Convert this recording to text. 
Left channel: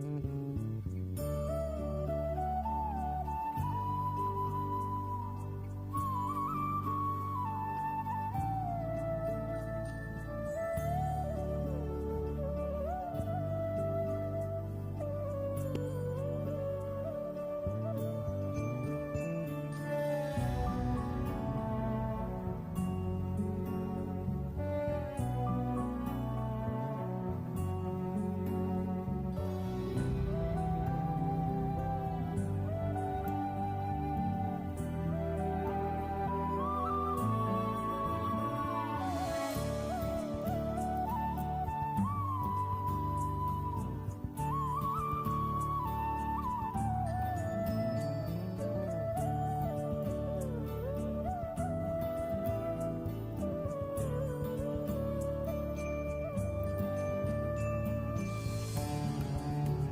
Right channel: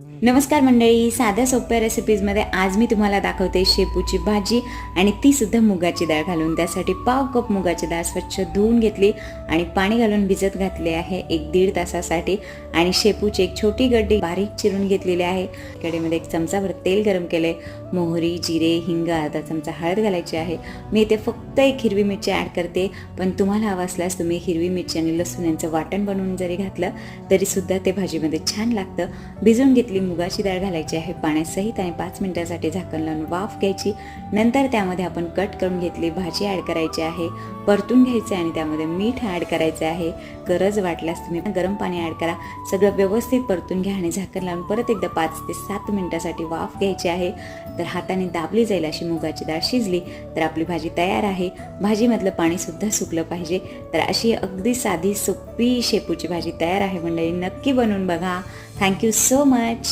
नमस्कार मंडळी साध्या सोप्या रेसिपीजमध्ये आज मी तुम्हाला दाखवते शेपूची भाजी आणि ती सुद्धा मुगाची डाळ घालून. त्यासाठी पाव कप मुगाची डाळ स्वच्छ धुवून घेतली आणि पाणी घालून भिजत घातले आहे एक दीड तासासाठी. आणि शेपूची एक छोटी गड्डी बारीक चिरून घेतलेली आहे. गड्डीमध्ये एक चमचाभर तेल गरम केले. मोहरी जिरे हिंग अर्धा चमचा हळद घालायची आहे. मी इथे फक्त एक हिरवी मिरची ॲड करते. पण तुम्हाला हवं असल्यास तुम्ही हिरवी मिरची आणि लसूण यांचं वाटण बनवून जरी घातलं तरी सुद्धा ते भाजीमध्ये छान लागतं. भिजवून घेतली मुगाची डाळ घालायची आहे पाण्यासहित आणि पाच मिनिटासाठी झाकण लावून वाफ घ्यायची. नंतर त्यामध्ये आपण कट करून घेतली भाजी ॲड करायची आहे परतून घ्यायचे आणि त्यामध्ये मीठ ॲड करायचं आहे. गरज वाटल्यास तुम्ही गरम पाणी ॲड करा. सगळं व्यवस्थित परतून घ्या आणि झाकण लावून परत एकदा पाच ते सात मिनिटासाठी वाफ घ्यायची आहे. तर हाताने दाबली जाईल अशी मुगाची डाळ शिजली तर आपली भाजी तयार आहे. भाजीमधलं पाणीसुद्धा सुकलं पाहिजे. तर अशी अगदी साधी सोपी शेपूची भाजी तयार आहे मंडळी. नक्की बनवून बघा. Thank you so much.